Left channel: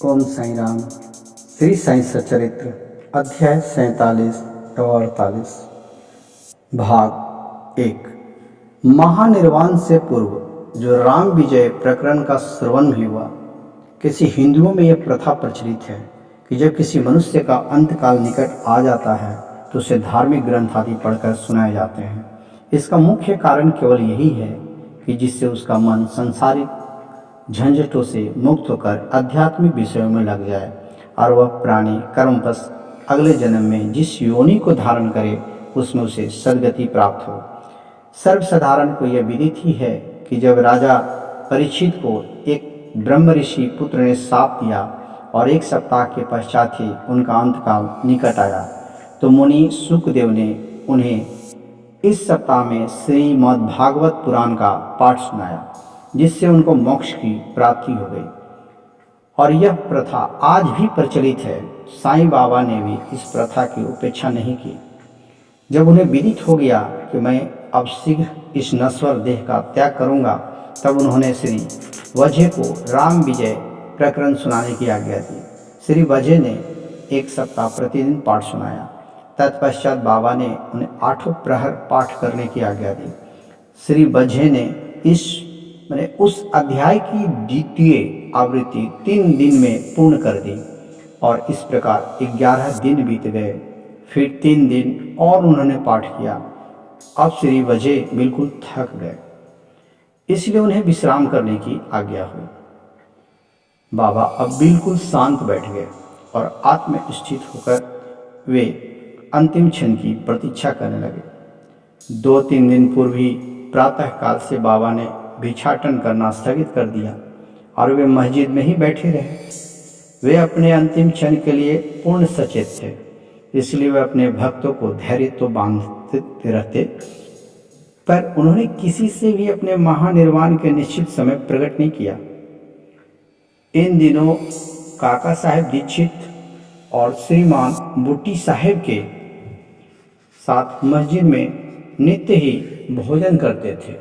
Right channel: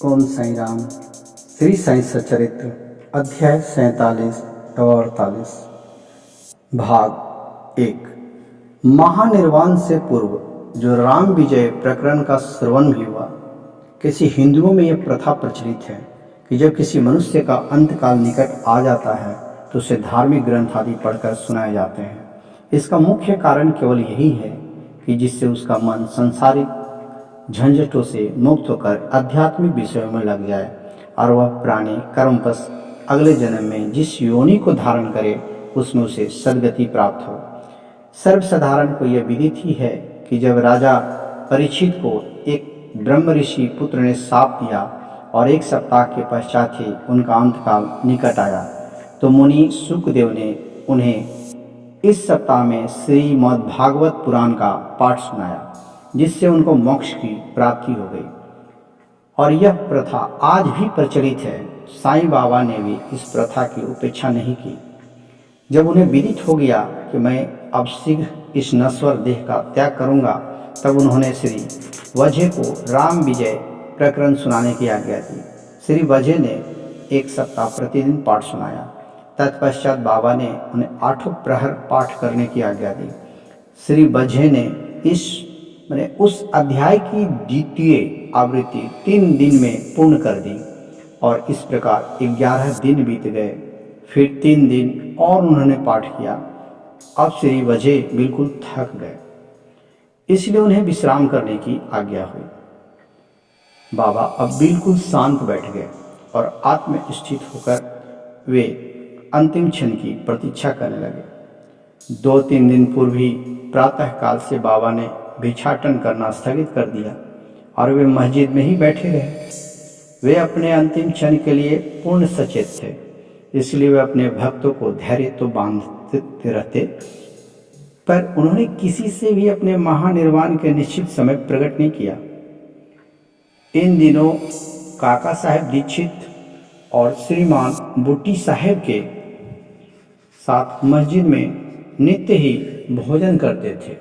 ओम साई राम। श्री साई सच्चरित्र अध्याय 47 और 48 भाग 1। महानिर्वाण से पूर्व जो राम विजय प्रकरण का श्रवण भी हुआ। किसी हिंदुओं में यह प्रथा प्रचलित है कि जब किसी मनुष्य का अंतकाल निकट आ जाता है तो उसे धार्मिक ग्रंथ आदि पढ़कर सुनाए जाते हैं। इसका मुख्य कारण केवल यही है कि जिससे उसका मन सांसारिक झंझटों से मुक्त होकर आध्यात्मिक विषयों में लग जाए और वह प्राणी कर्मपश अगले जन्म में जिस योनि को धारण करे उसमें उसे सद्गति प्राप्त हो। सर्वसाधारण को यह विदित ही है कि जब राजा परीक्षित को एक ब्रह्म ऋषि पुत्र ने शाप दिया और 1 सप्ताह के पश्चात ही उनका अंतकाल निकट आया तो मुनि शुकदेव ने उन्हें इस सप्ताह में श्रीमद्भागवत पुराण का पाठ सुनाया, जिससे उनको मोक्ष की प्राप्ति हो गई। और यह प्रथा आज भी प्रचलित है। साईं बाबा ने भी इस प्रथा की उपेक्षा नहीं की। जब उन्हें विदित हो गया कि मैं अब शीघ्र इस नश्वर देह का त्याग करूंगा, तब उन्होंने श्री वज्हे को राम विजय प्रकरण सुनाने की आज्ञा दी। श्री वज्हे ने 1 सप्ताह प्रतिदिन पाठ सुनाया। तत्पश्चात बाबा ने उन्हें 8 प्रहर पाठ करने की आज्ञा दी। श्री वज्हे ने उस अध्याय की द्वितीय आवृत्ति 3 दिन में पूर्ण कर दी और इस प्रकार 11 दिन बीत गए। फिर 3 दिन और उन्होंने पाठ किया। अब श्री वज्हे बिल्कुल थक गए, इसलिए उन्हें विश्राम करने की आज्ञा हुई। बाबा अब बिल्कुल शांत बैठ गए और आत्मस्थित होकर वे अंतिम क्षण की प्रतीक्षा करने लगे। 2-3 दिन पूर्व ही प्रातःकाल से बाबा ने भिक्षाटन करना स्थगित कर दिया और वे मस्जिद में ही बैठे रहे। वे अपने अंतिम क्षण के लिए पूर्ण सचेत थे, इसलिए वे अपने भक्तों को धैर्य तो बांधते रहते, पर उन्होंने किसी से भी अपने महानिर्वाण के निश्चित समय प्रकट नहीं किया। इन दिनों काका साहेब दीक्षित और श्रीमान बुट्टी साहेब के साथ मस्जिद में नित्य ही भोजन करते थे।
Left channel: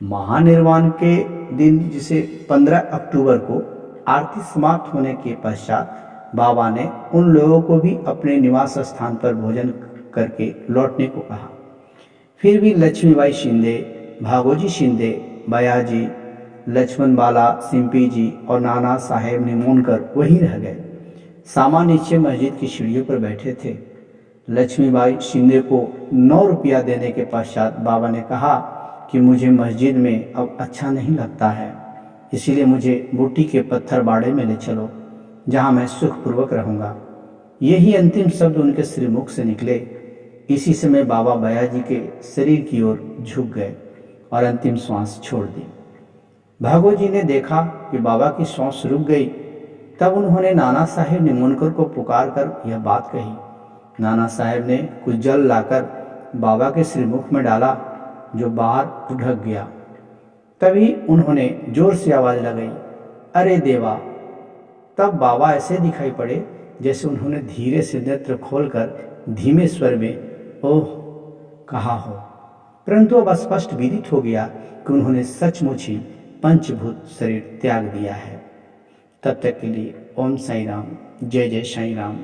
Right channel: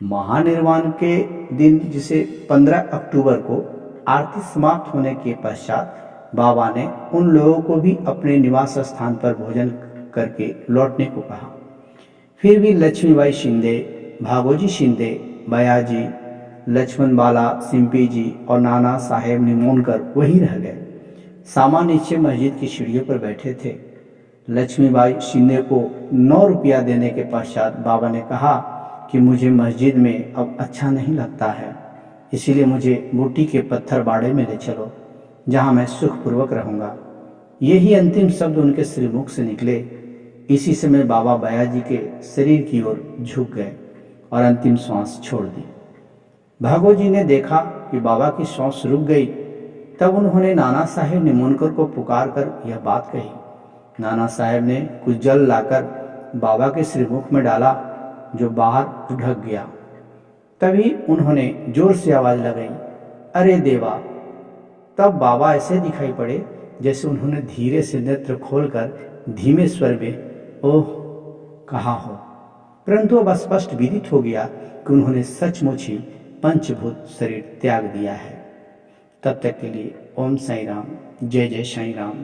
महानिर्वाण के दिन, जिसे 15 अक्टूबर को आरती समाप्त होने के पश्चात बाबा ने उन लोगों को भी अपने निवास स्थान पर भोजन करके लौटने को कहा। फिर भी लक्ष्मीबाई शिंदे, भागोजी शिंदे, बयाजी, लक्ष्मण बाला, सिंपी जी और नाना साहेब निमोनकर वहीं रह गए। सामा नीचे मस्जिद की सीढ़ियों पर बैठे थे। लक्ष्मीबाई शिंदे को 9 रुपया देने के पश्चात बाबा ने कहा कि मुझे मस्जिद में अब अच्छा नहीं लगता है, इसीलिए मुझे बूटी के पत्थर बाड़े में ले चलो, जहाँ मैं सुखपूर्वक रहूँगा। यही अंतिम शब्द उनके श्रीमुख से निकले। इसी समय बाबा बयाजी के शरीर की ओर झुक गए और अंतिम श्वास छोड़ दी। भागोजी ने देखा कि बाबा की श्वास रुक गई। तब उन्होंने नाना साहेब निमोनकर को पुकार कर यह बात कही। नाना साहेब ने कुछ जल लाकर बाबा के श्रीमुख में डाला, जो बाहर ढक गया। तभी उन्होंने जोर से आवाज़ लगाई, अरे देवा। तब बाबा ऐसे दिखाई पड़े जैसे उन्होंने धीरे से नेत्र खोलकर धीमे स्वर में ओह कहा हो, परंतु अब स्पष्ट विदित हो गया कि उन्होंने सचमुच ही पंचभूत शरीर त्याग दिया है। तब तक के लिए ओम साई राम। जय जय साई राम।